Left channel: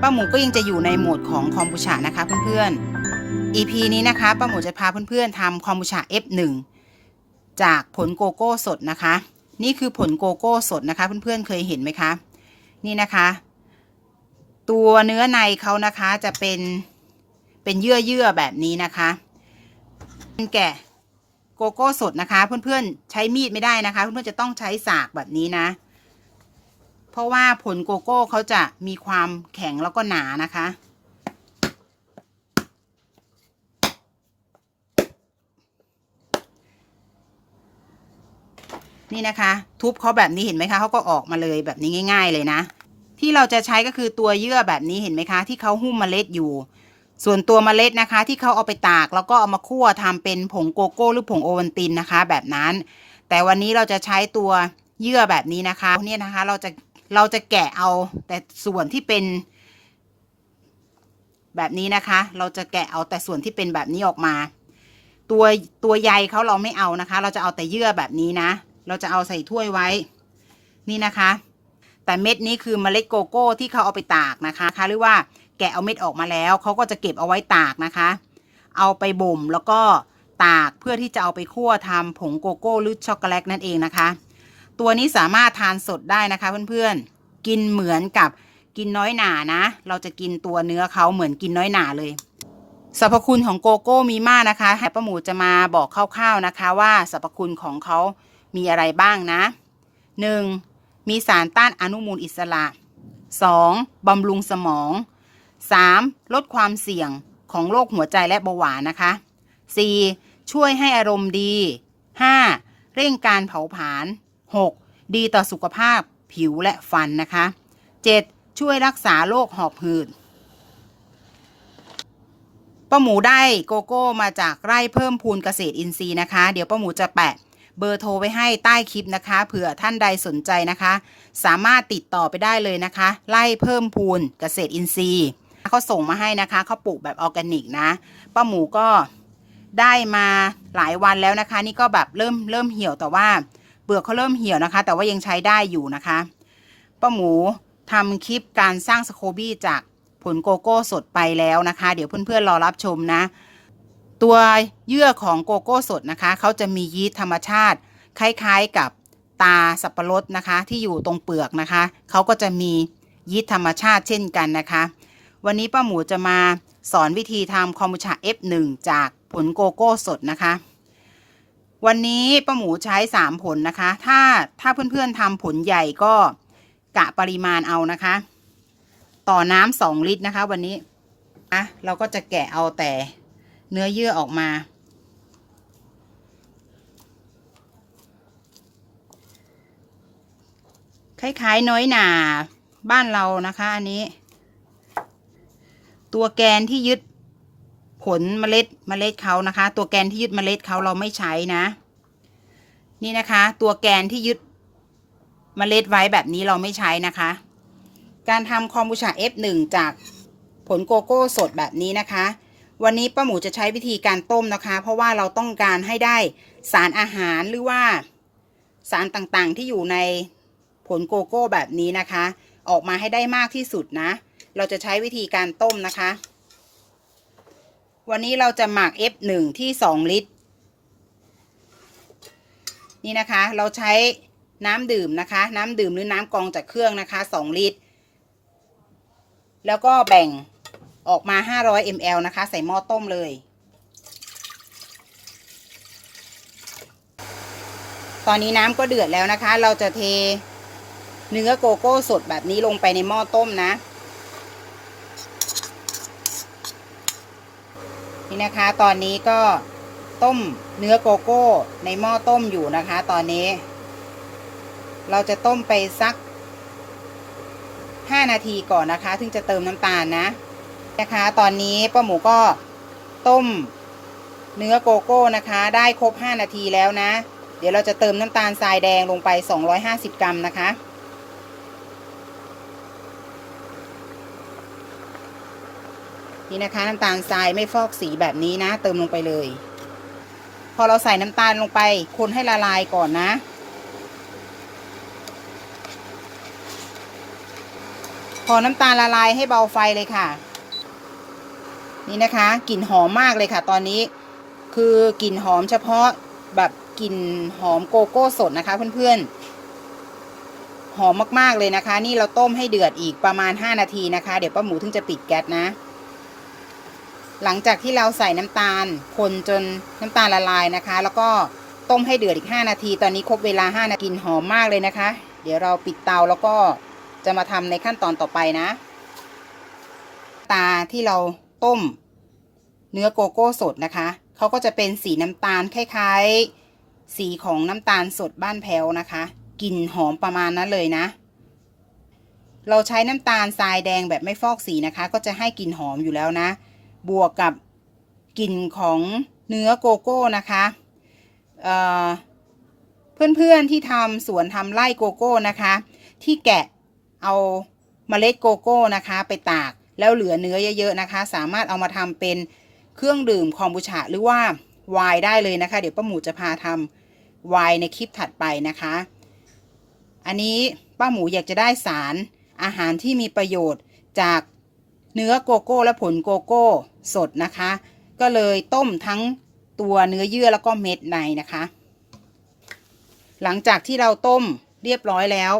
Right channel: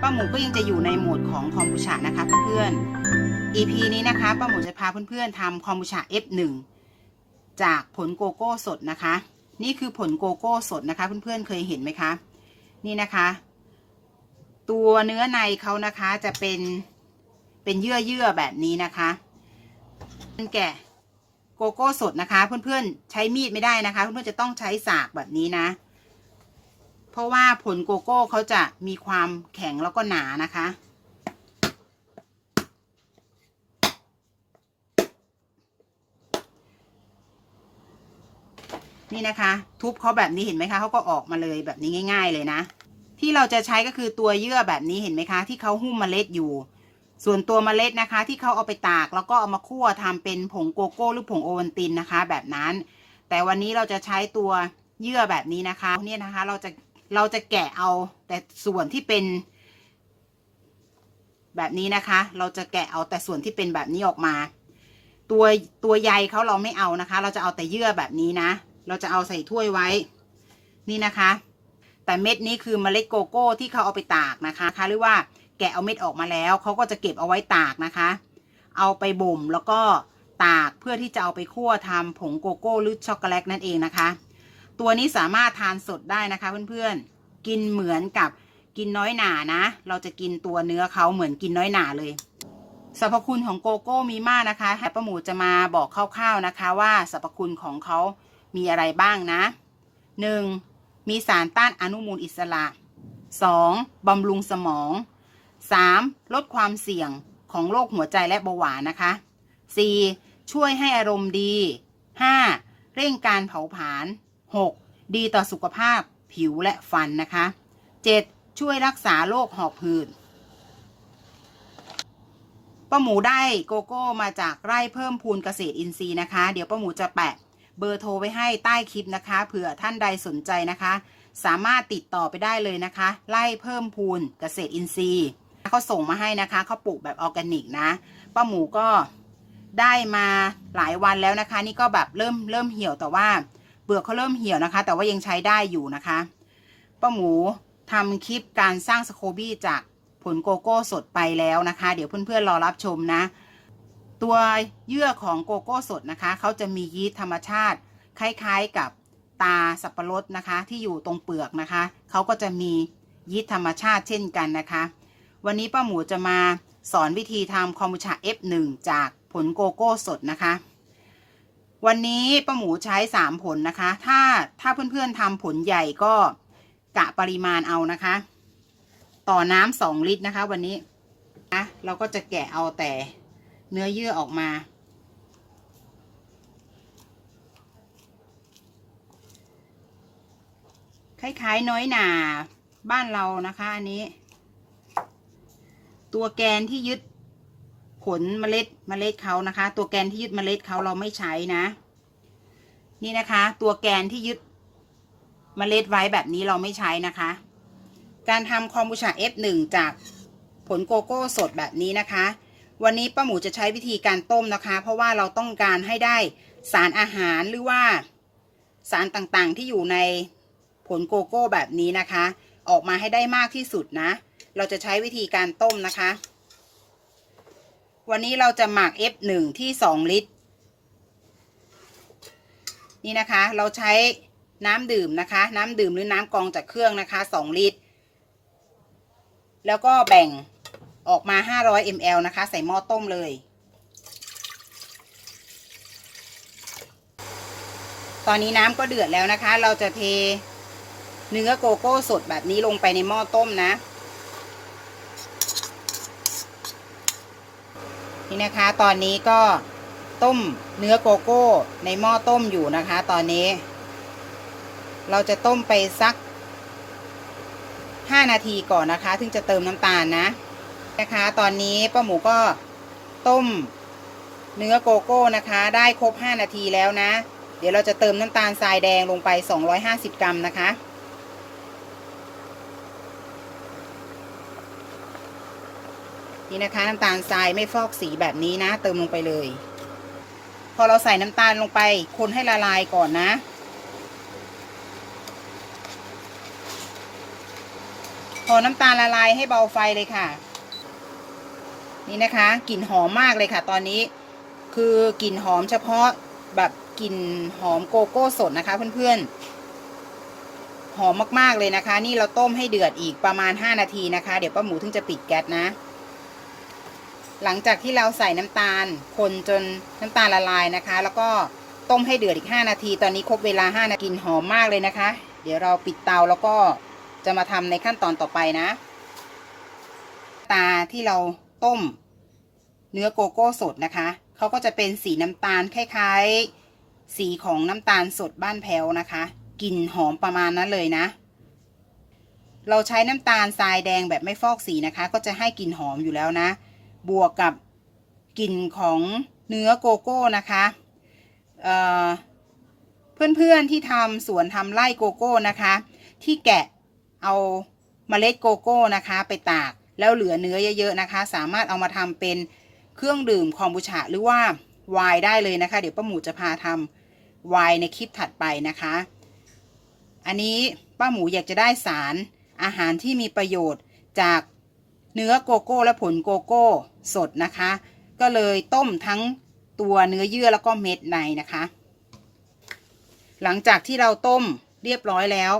ป้าหมูก็ยังจะอยู่ในโหมดของคอมบูชานะคะเพื่อนๆ EP นี้นะคะป้าหมูจะพาเพื่อนๆทำคอมบูชา F1 จากผลโกโก้สดนะคะ นี่คือผลโกโก้สดนะคะ เพื่อนๆเคยเห็นไหมคะ นี่นะคะ ตัวเนื้อในเขานะคะจะเป็นเป็นเยื่อเยื่อแบบนี้นะคะแกะ โกโก้สดนะคะ เพื่อนๆใช้มีดไม่ได้นะคะ เพื่อนๆจะต้องใช้สากแบบนี้นะ เพราะว่าผลโกโก้เขาจะมีความแข็งแล้วก็หนานะคะ นี่นะคะ ทุบเขาแบบนี้เห็นไหมคะเขาก็ออกมาเลยแบบนี้ง่าย ๆ เลยนะ ที่เราจะใช้ก็คือตัวเยื่อแบบนี้เห็นไหมคะ ที่เขาหุ้มเมล็ดอยู่ ส่วนตัวเมล็ดนะคะ ที่เขาเอาไปตากแล้วก็เอามาคั่วทำเป็นผงโกโก้หรือผงโอวัลตินนะคะ แบบนั้น แต่วันนี้เราจะใช้ตัวเยื่อแบบนี้นะคะเนี่ยนะคะเราจะเราจะแกะเอาแต่ส่วนที่เป็นแบบนี้นะคะ เราจะแกะเอาแต่ส่วนที่เป็นแบบนี้ออกมา ตัวตัวใยเขาเราไม่เอานะคะ เราจะเอาแต่เยื่อแบบนี้นะ เราจะเอาใส่ถ้วยไว้ นี่นะคะ แต่เม็ดนี้คือเมล็ดโกโก้ที่เขาเอาไปตากนะคะหรือว่า แกะเอาเม็ดออกมาแล้วเขาก็จะเก็บเอาไว้ตากนะคะ เอาไปบ่มแล้วก็ตากเพื่อที่จะเอาไปคั่วทำผงโกโก้หรือช็อกโกแลตนั่นเองนะคะ ตัวนี้สามารถทานสดได้นะคะเพื่อนๆ กินเหมือนกับกินน้อยหนานะ เราจะกินตัวเนื้อเขาเหมือนกินน้อยหนาเลยสรรพคุณของโกโก้มีมากนะคะให้ป้าหมูจะมาบอกคร่าวๆนะคะว่าสรรพคุณของเขามีอะไรบ้างนะ 1. มีสารต้านอนุมูลอิสระ 2. บำรุงสมอง 3. ลดความเสี่ยงของโรคหัวใจและเบาหวานนะคะ 4. ช่วยให้อารมณ์ดี 5. เร่งการเผาผลาญ 6. ดีต่อสุขภาพผิวและฟันนะคะ 7. ช่วยรักษาโรคหอบหืดป้าหมูได้โกโก้มาจากไร่เพิ่มพูนเกษตรอินทรีย์นะคะ เดี๋ยวป้าหมูจะแปะเบอร์โทรไว้ให้ใต้คลิปนะคะ เผื่อท่านใดสนใจนะคะ สามารถติดต่อไปได้เลยนะคะ ไล่เพิ่มพูนเกษตรอินทรีย์ เขาส่งมาให้นะคะเขาปลูกแบบออร์แกนิกนะป้าหมูก็ได้มาหลายวันแล้วนะคะ นี่ก็แบบเริ่มเริ่มเหี่ยวแต่ว่าเปลือกเขาเริ่มเหี่ยวนะคะ แต่ว่ายังใช้ได้อยู่นะคะป้าหมูทำคลิปการสร้างสโคบี้จากผลโกโก้สดไปแล้วนะคะ เดี๋ยวเพื่อนๆรอรับชมนะ ตัวเยื่อของโกโก้สดนะคะเขาจะมียีสต์ธรรมชาติ คล้ายๆกับตาสับปะรดนะคะ ที่อยู่ตรงเปลือกนะคะเขาก็จะมียีสต์ธรรมชาติเช่นกันนะคะ วันนี้ป้าหมูจะมาสอนวิธีทำคอมบูชา F1 จากผลโกโก้สดนะคะ วันนี้ป้าหมูใช้ 3 ผลนะคะ ถ้าถ้าเพื่อนๆทำผลใหญ่ก็กะปริมาณเอานะคะ ต่อน้ำสองลิตรนะคะ วันนี้นะเราก็จะแกะเอาแต่เนื้อเยื่อออกมาคล้ายๆน้อยหนาบ้านเรานะคะ อันนี้ ตัวแกนที่ยึดผลเมล็ดเมล็ดเขานะคะ ตัวแกนที่ยึดเมล็ดเขาเราไม่ใช้นะ นี่นะคะ ตัวแกนที่ยึดเมล็ดไว้แบบนี้เราไม่ใช้นะคะ การทำคอมบูชา F1 จากผลโกโก้สดแบบนี้นะคะ วันนี้ป้าหมูจะใช้วิธีการต้มนะคะ เพราะว่าเราต้องการให้ได้สารอาหารหรือว่าสารต่างๆที่อยู่ในผลโกโก้แบบนี้นะคะ ออกมาให้ได้มากที่สุดนะ เราจะใช้วิธีการต้มนะคะ วันนี้เราจะหมัก F1 ที่ 2 ลิตร นี่นะคะ เราใช้น้ำดื่มนะคะ น้ำดื่มหรือน้ำกองจากเครื่องนะคะ 2 ลิตร แล้วก็แบ่งออกมา 500 ml นะคะ ใส่หม้อต้มเลยตอนนี้น้ำก็เดือดแล้วนะคะ เราจะเท เนื้อโกโก้สดแบบนี้ลงไปในหม้อต้มนะ นี่นะคะตอนนี้ก็ต้มเนื้อโกโก้ในหม้อต้มอยู่นะคะ ตอนนี้ เราจะต้มไปสัก 5 นาทีก่อนนะคะ ถึงจะเติมน้ำตาลนะนะคะ ตอนนี้ป้าหมูก็ต้มเนื้อโกโก้นะคะ ได้ครบ 5 นาทีแล้วนะ เดี๋ยวเราจะเติมน้ำตาลทรายแดงลงไป 250 กรัมนะคะ นี่นะคะ น้ำตาลทรายไม่ฟอกสีแบบนี้นะ เติมลงไปเลย พอเราใส่น้ำตาลลงไป คนให้ละลายก่อนนะ พอน้ำตาลละลายให้เบาไฟเลยค่ะ นี่นะคะกลิ่นหอมมากเลยค่ะ ตอนนี้คือกลิ่นหอมเฉพาะแบบกลิ่นหอมโกโก้สดนะคะ เพื่อนๆ หอมมากๆเลยนะคะ นี่เราต้มให้เดือดอีกประมาณ 5 นาทีนะคะ เดี๋ยวป้าหมูถึงจะปิดแก๊สนะ หลังจากที่เราใส่น้ำตาล คนจนน้ำตาลละลายนะคะ แล้วก็ต้มให้เดือดอีก 5 นาที ตอนนี้ครบเวลา 5 นาทีกลิ่นหอมมากเลยนะคะ เดี๋ยวเราปิดเตาแล้วก็จะมาทำในขั้นตอนต่อไปนะ ตาที่เราต้ม เนื้อโกโก้สดนะคะเขาก็จะเป็นสีน้ำตาลคล้ายๆ สีของน้ำตาลสดบ้านแพ้วนะคะกลิ่นหอมประมาณนั้นเลยนะ เราใช้น้ำตาลทรายแดงแบบไม่ฟอกสีนะคะ ก็จะให้กลิ่นหอมอยู่แล้วนะ บวกกับกลิ่นของเนื้อโกโก้นะคะเอ่อเพื่อนๆที่ทำสวนทำไร่โกโก้นะคะ ที่แกะเอาเมล็ดโกโก้นะคะ ไปตากแล้วเหลือเนื้อเยอะๆนะคะ สามารถเอามาทำเป็นเครื่องดื่มคอมบูชาหรือว่าไวน์ได้เลยนะคะ เดี๋ยวป้าหมูจะพาทำไวน์ในคลิปถัดไปนะคะ อันนี้ป้าหมูอยากจะได้สารอาหารที่มีประโยชน์จาก เนื้อโกโก้และผลโกโก้สดนะคะ ก็เลยต้มทั้งตัวเนื้อเยื่อแล้วก็เม็ดในนะคะ หลังจากที่เราต้มเรียบร้อยแล้ว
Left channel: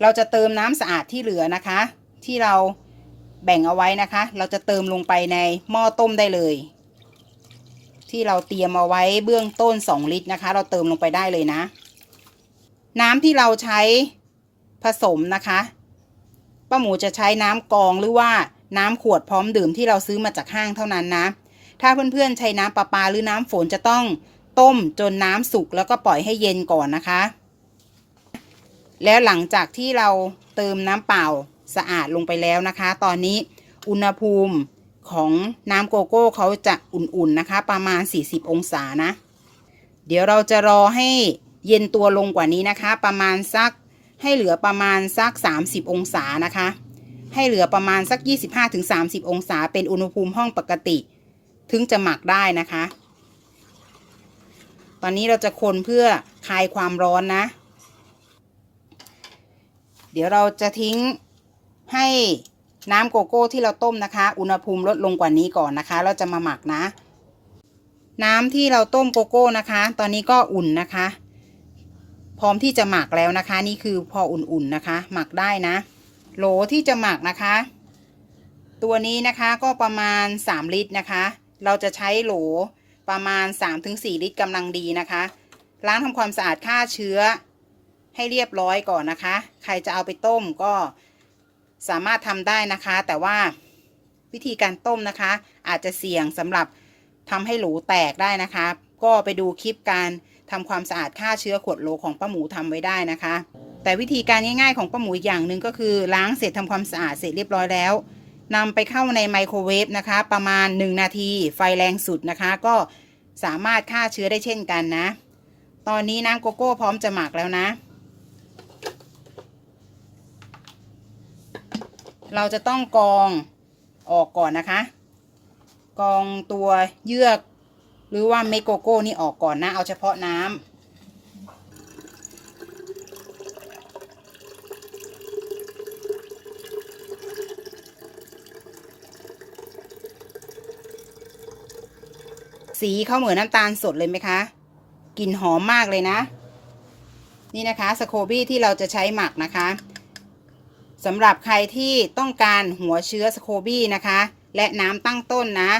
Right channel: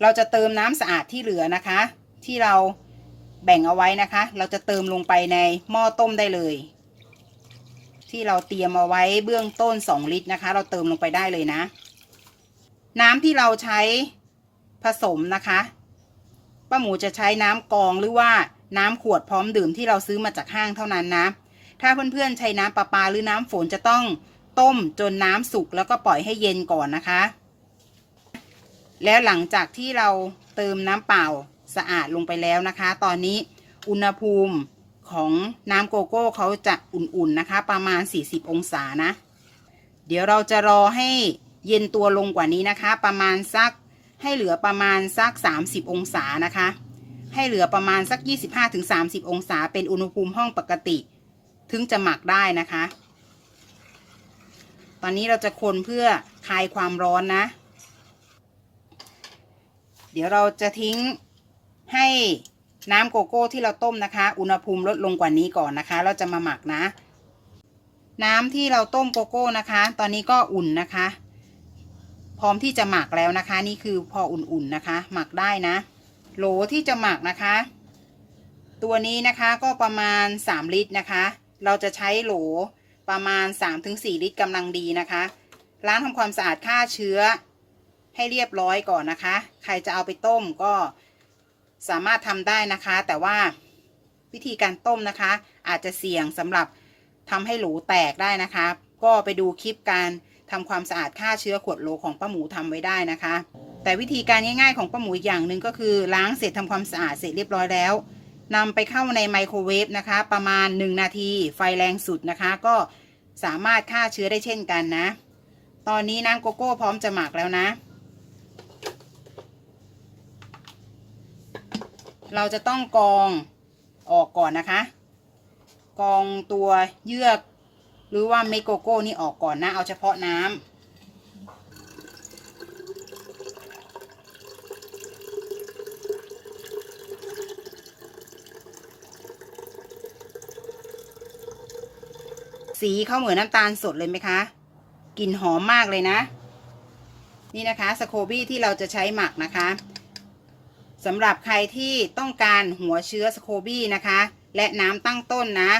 เราจะเติมน้ำสะอาดที่เหลือนะคะ ที่เราแบ่งเอาไว้นะคะ เราจะเติมลงไปในหม้อต้มได้เลย ที่เราเตรียมเอาไว้เบื้องต้น 2 ลิตรนะคะ เราเติมลงไปได้เลยนะ น้ำที่เราใช้ผสมนะคะ ป้าหมูจะใช้น้ำกองหรือว่าน้ำขวดพร้อมดื่มที่เราซื้อมาจากห้างเท่านั้นนะ ถ้าเพื่อนๆใช้น้ำประปาหรือน้ำฝนจะต้องต้มจนน้ำสุกแล้วก็ปล่อยให้เย็นก่อนนะคะ แล้วหลังจากที่เราเติมน้ำเปล่าสะอาดลงไปแล้วนะคะ ตอนนี้อุณหภูมิของน้ำโกโก้เขาจะอุ่นๆนะคะ ประมาณ 40 องศานะ เดี๋ยวเราจะรอให้เย็นตัวลงกว่านี้นะคะ ประมาณสัก ให้เหลือประมาณสัก 30 องศานะคะ ให้เหลือประมาณสัก 25-30 องศา เป็นอุณหภูมิห้องปกติ ถึงจะหมักได้นะคะ ตอนนี้เราจะคนเพื่อคลายความร้อนนะ เดี๋ยวเราจะทิ้งให้น้ำโกโก้ที่เราต้มนะคะ อุณหภูมิลดลงกว่านี้ก่อนนะคะ เราจะมาหมักนะ น้ำที่เราต้มโกโก้นะคะ ตอนนี้ก็อุ่นนะคะ พร้อมที่จะหมักแล้วนะคะ นี่คือพออุ่นๆนะคะ หมักได้นะ โหลที่จะหมักนะคะ ตัวนี้นะคะก็ประมาณ 3 ลิตรนะคะ เราจะใช้โหลประมาณ 3-4 ลิตรกำลังดีนะคะล้างทำความสะอาดฆ่าเชื้อให้เรียบร้อยก่อนนะคะ ใครจะเอาไปต้มก็สามารถทำได้นะคะ แต่ว่าวิธีการต้มนะคะ อาจจะเสี่ยงสำหรับทำให้โหลแตกได้นะคะ ก็ไปดูคลิปการ ทำความสะอาดฆ่าเชื้อขวดโหลของป้าหมูทำไว้ได้นะคะ แต่วิธีการง่ายๆของป้าหมูอย่างหนึ่งก็คือล้างเสร็จทำความสะอาดเสร็จเรียบร้อยแล้วนำไปเข้าในไมโครเวฟนะคะ ประมาณ 1 นาที ไฟแรงสุดนะคะ ก็สามารถฆ่าเชื้อได้เช่นกันนะ ตอนนี้น้ำโกโก้พร้อมจะหมักแล้วนะ เราจะต้องกองออกก่อนนะคะ กองตัวเยือก หรือว่าเมดโกโก้นี่ออกก่อนนะ เอาเฉพาะน้ำสีเขาเหมือนน้ำตาลสดเลยไหมคะ กลิ่นหอมมากเลยนะ นี่นะคะสโคบี้ที่เราจะใช้หมักนะคะสำหรับใครที่ต้องการหัวเชื้อสโคบี้นะคะ และน้ำตั้งต้นนะ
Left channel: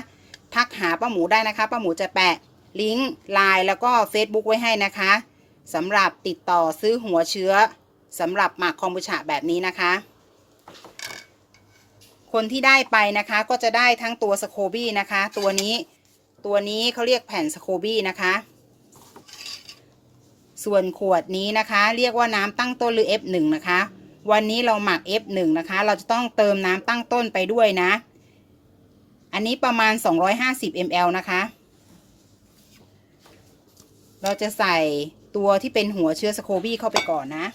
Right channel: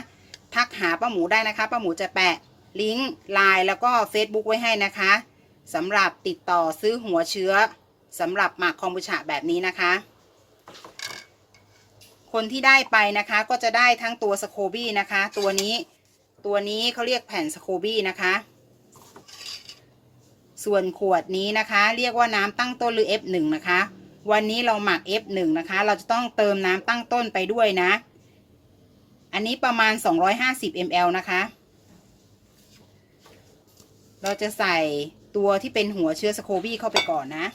ทักหาป้าหมูได้นะคะป้าหมูจะแปะลิงก์ไลน์แล้วก็ Facebook ไว้ให้นะคะสำหรับติดต่อซื้อหัวเชื้อสำหรับหมักคอมบูชาแบบนี้นะคะ คนที่ได้ไปนะคะก็จะได้ทั้งตัวสโคบี้นะคะ ตัวนี้ตัวนี้เขาเรียกแผ่นสโคบี้นะคะ ส่วนขวดนี้นะคะ เรียกว่าน้ำตั้งต้นหรือ F1 นะคะ วันนี้เราหมัก F1 นะคะ เราจะต้องเติมน้ำตั้งต้นไปด้วยนะ อันนี้ประมาณ 250 ml นะคะ เราจะใส่ตัวที่เป็นหัวเชื้อสโคบี้เข้าไปก่อนนะ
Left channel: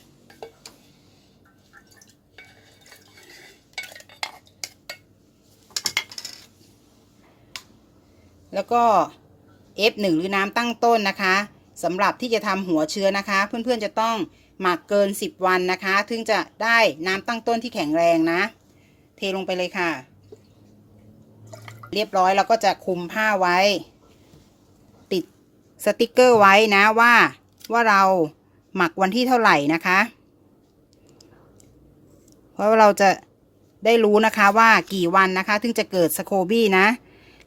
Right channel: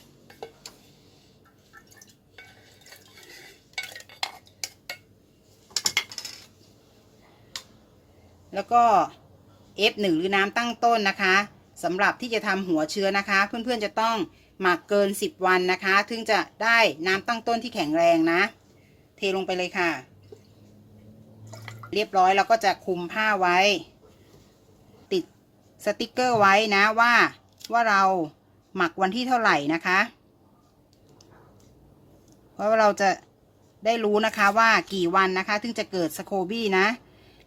แล้วก็ F1 หรือน้ำตั้งต้นนะคะสำหรับที่จะทำหัวเชื้อนะคะ เพื่อนๆจะต้องหมักเกิน 10 วันนะคะ ถึงจะได้น้ำตั้งต้นที่แข็งแรงนะ เทลงไปเลยค่ะ เรียบร้อยเราก็จะคุมผ้าไว้ ติดสติกเกอร์ไว้นะว่าว่าเราหมักวันที่เท่าไหร่นะคะ เพราะว่าเราจะได้รู้นะคะว่ากี่วันนะคะถึงจะเกิดสโคบี้นะ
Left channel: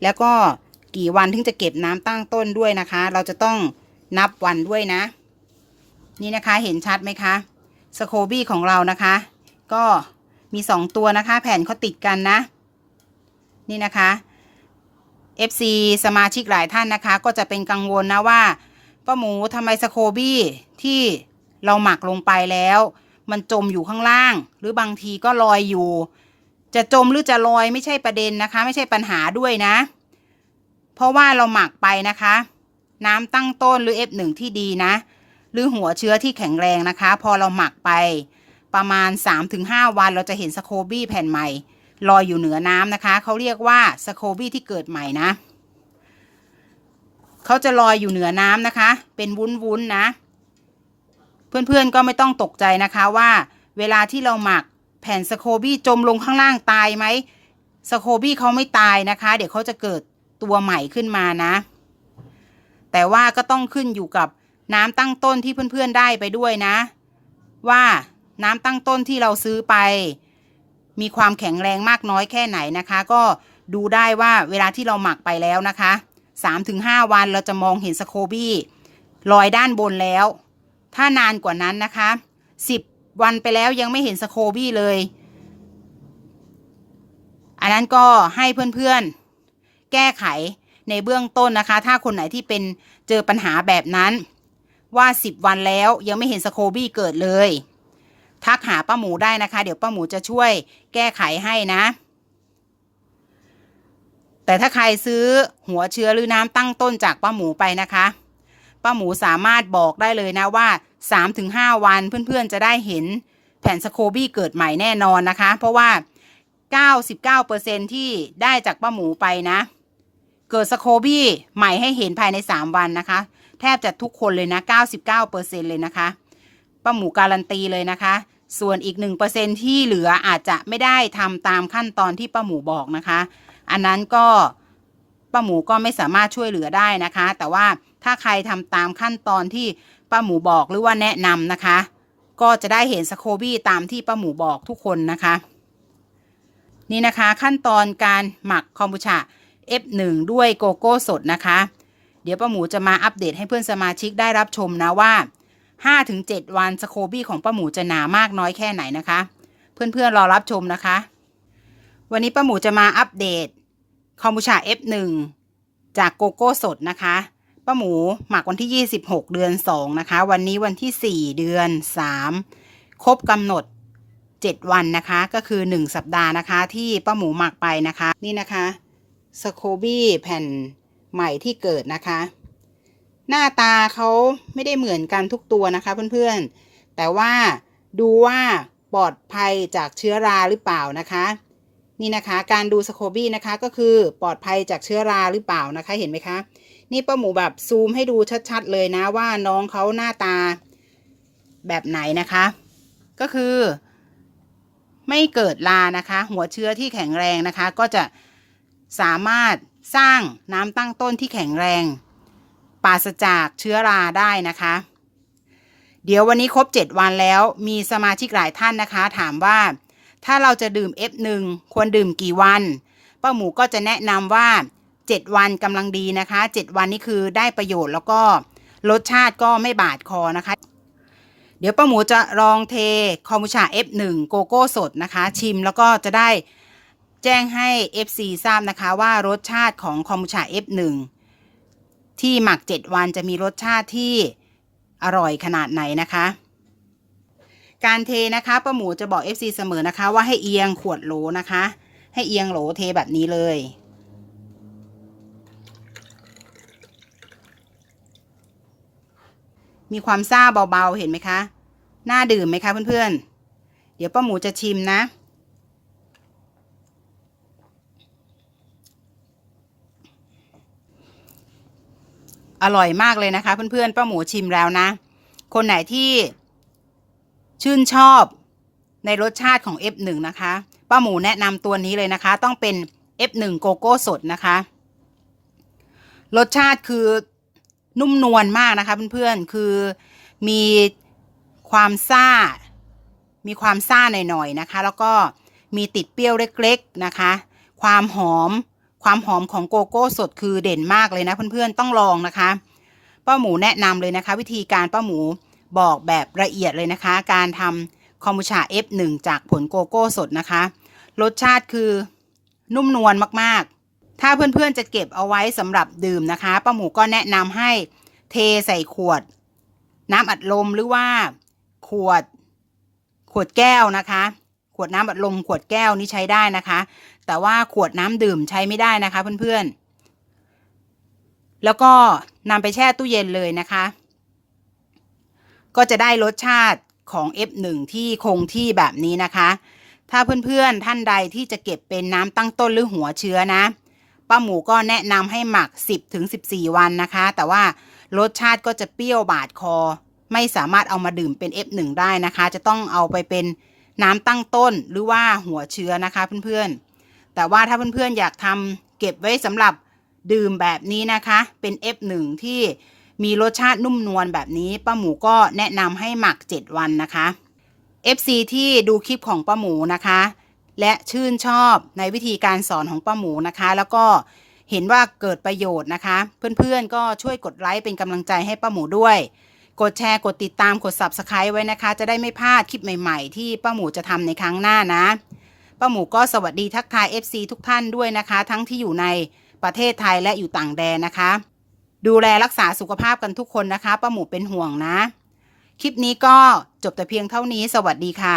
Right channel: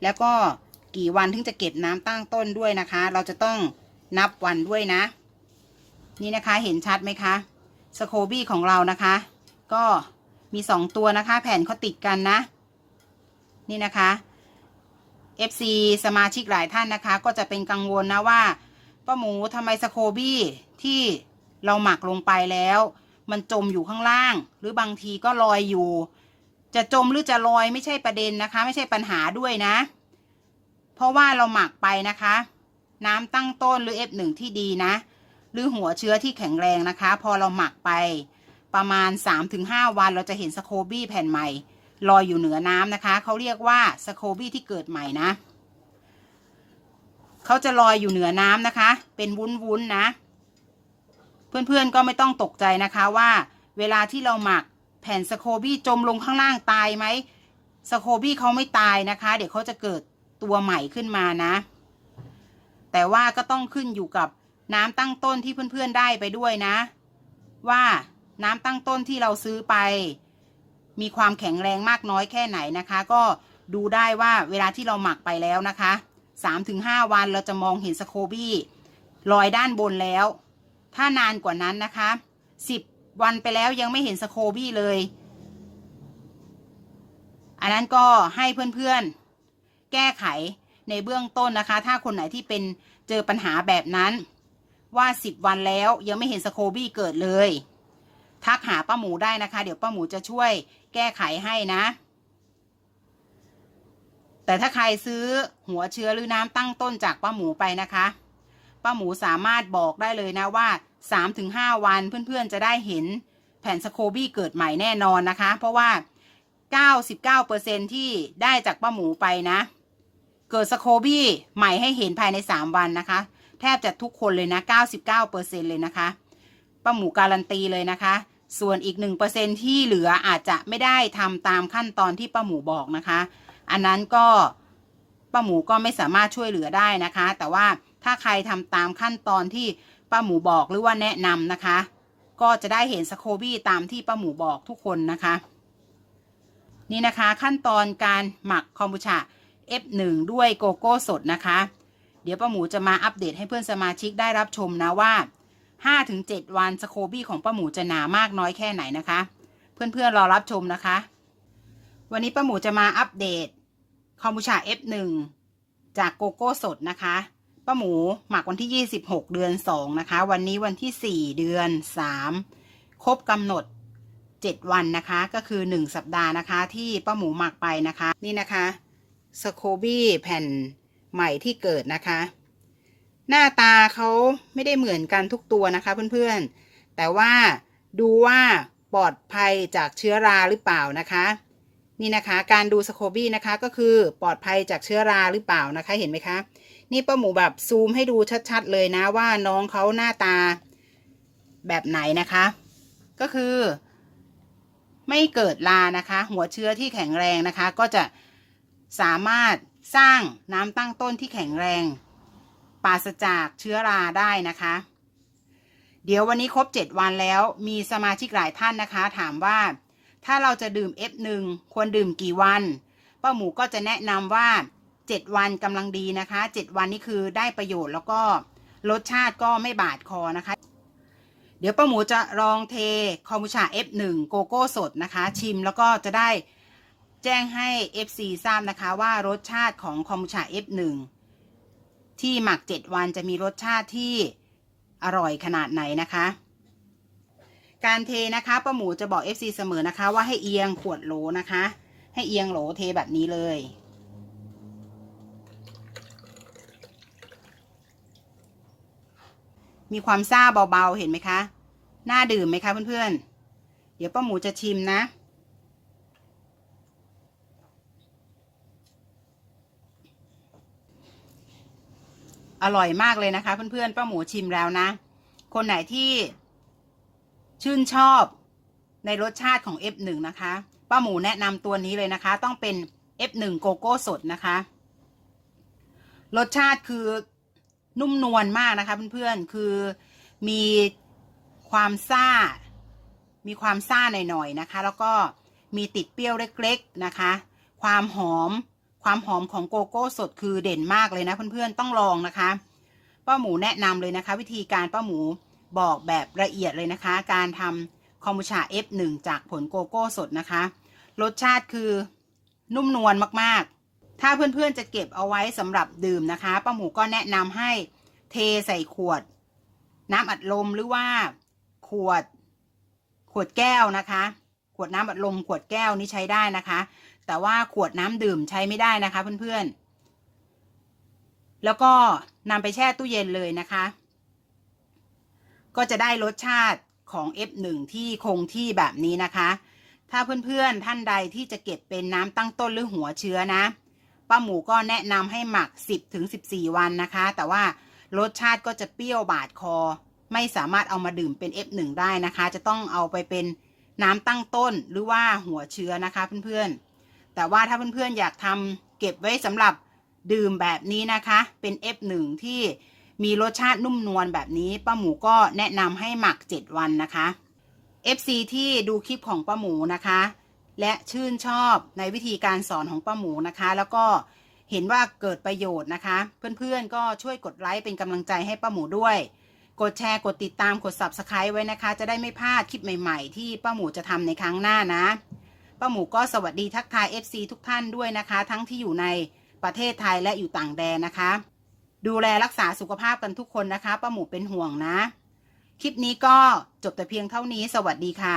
แล้วก็กี่วันถึงจะเก็บน้ำตั้งต้นด้วยนะคะ เราจะต้องนับวันด้วยนะ นี่นะคะเห็นชัดไหมคะสโคบี้ของเรานะคะ ก็มีสองตัวนะคะ แผ่นเขาติดกันนะ นี่นะคะ FC สมาชิกหลายท่านนะคะ ก็จะเป็นกังวลนะว่าป้าหมูทำไมสโคบี้ที่เราหมักลงไปแล้ว มันจมอยู่ข้างล่าง หรือบางทีก็ลอยอยู่ จะจมหรือจะลอยไม่ใช่ประเด็นนะคะ ไม่ใช่ปัญหาด้วยนะ เพราะว่าเราหมักไปนะคะ น้ำตั้งต้นหรือ F1 ที่ดีนะ หรือหัวเชื้อที่แข็งแรงนะคะ พอเราหมักไปประมาณ 3-5 วันเราจะเห็นสโคบี้แผ่นใหม่ ลอยอยู่เหนือน้ำนะคะเขาเรียกว่าสโคบี้ที่เกิดใหม่นะเขาจะลอยอยู่เหนือน้ำนะคะ เป็นวุ้นๆนะ เพื่อนๆก็ไม่ต้องตกใจนะคะว่าเวลาที่เราหมักแผ่นสโคบี้จมลงข้างล่างตายไหมสโคบี้เขาไม่ตายนะคะ เดี๋ยวเขาจะเกิดตัวใหม่ขึ้นมานะ แต่ว่าก็ต้องขึ้นอยู่กับน้ำตั้งต้นที่เพื่อนๆได้ไปด้วยนะ ว่าน้ำตั้งต้นที่เราซื้อไป มีความแข็งแรงมากน้อยแค่ไหนนะคะ ก็ดูได้ว่าเวลาที่เราหมักไปแล้วนะคะ 3-5 วันเราจะมองเห็นสโคบี้ลอยด้านบนแล้ว ถ้านานกว่านั้นนะคะ 10 วันไปแล้วยังไม่เห็นสโคบี้เลย อันนั้นก็ให้เพื่อนๆ แก้ไขในเบื้องต้นนะคะ ถ้าคนไหนที่เป็นเจอปัญหาแบบนั้นว่า 10 วันแล้วยังไม่เห็นสโคบี้เกิดเลย ทักหาป้าหมูได้นะคะ เดี๋ยวป้าหมูจะช่วยแก้ไขให้นะ แต่ถ้าใครซื้อหัวเชื้อหรือน้ำตั้งต้นจากป้าหมูไปนะคะป้าหมูสามารถบอกได้เลยนะว่า 3-5 วันเพื่อนๆจะได้เห็นแผ่นสโคบี้เกิดใหม่แน่นอนนะคะ เพราะว่า 99%ที่ได้จากป้าหมูไปนะ เกิดสโคบี้ใหม่ให้เห็นภายใน 3 วันนะคะ แทบจะทุกคนเลยนะ 99%เลยนะคะ ป้าหมูการันตีเลยนะคะ ส่วนอีก 1%ที่เหลืออาจจะไม่ได้ทำตามขั้นตอนที่ป้าหมูบอกนะคะ อันนั้นก็ป้าหมูก็ไม่สามารถช่วยเหลือได้นะคะ แต่ว่าถ้าใครทำตามขั้นตอนที่ป้าหมูบอกหรือว่าแนะนำนะคะ ก็จะได้เห็นสโคบี้ตามที่ป้าหมูบอกทุกคนนะคะ นี่นะคะขั้นตอนการหมักคอมบูชา F1 ด้วยโกโก้สดนะคะ เดี๋ยวป้าหมูจะมาอัปเดตให้เพื่อนสมาชิกได้รับชมนะว่า 5-7 วันสโคบี้ของป้าหมูจะหนามากน้อยแค่ไหนนะคะ เพื่อนๆรอรับชมนะคะ วันนี้ป้าหมูจะมาอัปเดตคอมบูชา F1 จากโกโก้สดนะคะป้าหมูหมักวันที่ 26 เดือน 2 นะคะ วันนี้วันที่ 4 เดือน 3 ครบกำหนด 7 วันนะคะ ก็คือ 1 สัปดาห์นะคะ ที่ป้าหมูหมักไปนะคะ นี่นะคะสโคบี้แผ่นใหม่ที่เกิดนะคะ หน้าตาเขาไม่ได้เหมือนกันทุกตัวนะคะเพื่อนๆ แต่ว่าดูว่าปลอดภัยจากเชื้อราหรือเปล่านะคะ นี่นะคะ การดูสโคบี้นะคะก็คือปลอดภัยจากเชื้อราหรือเปล่านะคะเห็นไหมคะ นี่ป้าหมูแบบซูมให้ดูชัดๆเลยนะว่าน้องเขาหน้าตาแบบไหนนะคะ ก็คือ ไม่เกิดรานะคะ หัวเชื้อที่แข็งแรงนะคะ ก็จะสามารถสร้างน้ำตั้งต้นที่แข็งแรง ปราศจากเชื้อราได้นะคะ เดี๋ยววันนี้ครบ 7 วันแล้วมีสมาชิกหลายท่านนะคะ ถามว่าถ้าเราจะดื่ม F1 ควรดื่มกี่วัน ป้าหมูก็จะแนะนำว่า 7 วันกำลังดีนะคะ 7 วันนี้คือได้ประโยชน์แล้วก็รสชาติก็ไม่บาดคอนะคะ เดี๋ยวป้าหมูจะลองเทคอมบูชา F1 โกโก้สดนะคะ ชิมแล้วก็จะได้แจ้งให้ FC ทราบนะคะว่ารสชาติของคอมบูชา F1 ที่หมัก 7 วันจะมีรสชาติที่อร่อยขนาดไหนนะคะ การเทนะคะป้าหมูจะบอก FC เสมอนะคะ ว่าให้เอียงขวดโหลนะคะ ให้เอียงโหลเทแบบนี้เลย มีความซ่าเบาๆเห็นไหมคะ น่าดื่มไหมคะเพื่อนๆ เดี๋ยวป้าหมูจะชิมนะ อร่อยมากเลยนะคะ เพื่อนๆป้าหมูชิมแล้วนะ คนไหนที่ชื่นชอบในรสชาติของ F1 นะคะป้าหมูแนะนำตัวนี้เลยนะคะ ต้องเป็น F1 โกโก้สดนะคะ รสชาติคือนุ่มนวลมากนะคะ เพื่อนๆคือมีความซ่า มีความซ่าหน่อยๆนะคะ แล้วก็มีติดเปรี้ยวเล็กๆนะคะ ความหอม ความหอมของโกโก้สดคือเด่นมากเลยนะเพื่อนๆต้องลองนะคะป้าหมูแนะนำเลยนะคะ วิธีการป้าหมูบอกแบบละเอียดเลยนะคะ การทำคอมบูชา F1 จากผลโกโก้สดนะคะ รสชาติคือนุ่มนวลมากๆ ถ้าเพื่อนๆจะเก็บเอาไว้สำหรับดื่มนะคะป้าหมูก็แนะนำให้เทใส่ขวด น้ำอัดลมหรือว่าขวดขวดแก้วนะคะ ขวดน้ำอัดลมขวดแก้วนี่ใช้ได้นะคะ แต่ว่าขวดน้ำดื่มใช้ไม่ได้นะคะเพื่อนๆ แล้วก็นำไปแช่ตู้เย็นเลยนะคะ ก็จะได้รสชาติของ F1 ที่คงที่แบบนี้นะคะ ถ้าเพื่อนๆท่านใดที่จะเก็บเป็นน้ำตั้งต้นหรือหัวเชื้อนะ ป้าหมูก็แนะนำให้หมัก 10ถึง14 วันนะคะ แต่ว่ารสชาติก็จะเปรี้ยวบาดคอ ไม่สามารถเอามาดื่มเป็น F1 ได้นะคะ จะต้องเอาไปเป็นน้ำตั้งต้นหรือว่าหัวเชื้อนะคะเพื่อนๆ แต่ว่าถ้าเพื่อนๆอยากทำเก็บไว้สำหรับดื่มแบบนี้นะคะ เป็น F1 ที่มีรสชาตินุ่มนวลแบบนี้ป้าหมูก็แนะนำให้หมัก 7 วันนะคะ FC ที่ดูคลิปของป้าหมูนะคะ และชื่นชอบในวิธีการสอนของป้าหมูนะคะ แล้วก็เห็นว่าเกิดประโยชน์นะคะ เพื่อนๆก็ช่วยกดไลค์เป็นกำลังใจให้ป้าหมูด้วย กดแชร์กดติดตามกด Subscribe ไว้นะคะ จะได้ไม่พลาดคลิปใหม่ๆ ที่ป้าหมูจะทำในครั้งหน้านะ ป้าหมูก็สวัสดีทักทาย FC ทุกท่านด้วยนะคะ ทั้งที่อยู่ในประเทศไทยและอยู่ต่างแดนนะคะ ดูแลรักษาสุขภาพกันทุกคนนะคะป้าหมูเป็นห่วงนะ คลิปนี้ก็จบแต่เพียงเท่านี้สวัสดีค่ะ